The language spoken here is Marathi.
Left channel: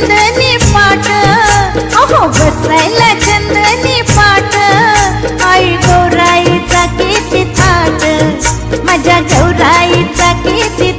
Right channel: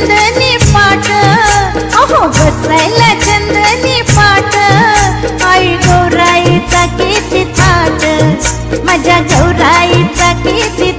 चंदनी पाट, अहो बसायला चंदनी पाट, आई गौराईचा किती थाट, माझ्या गौराईचा किती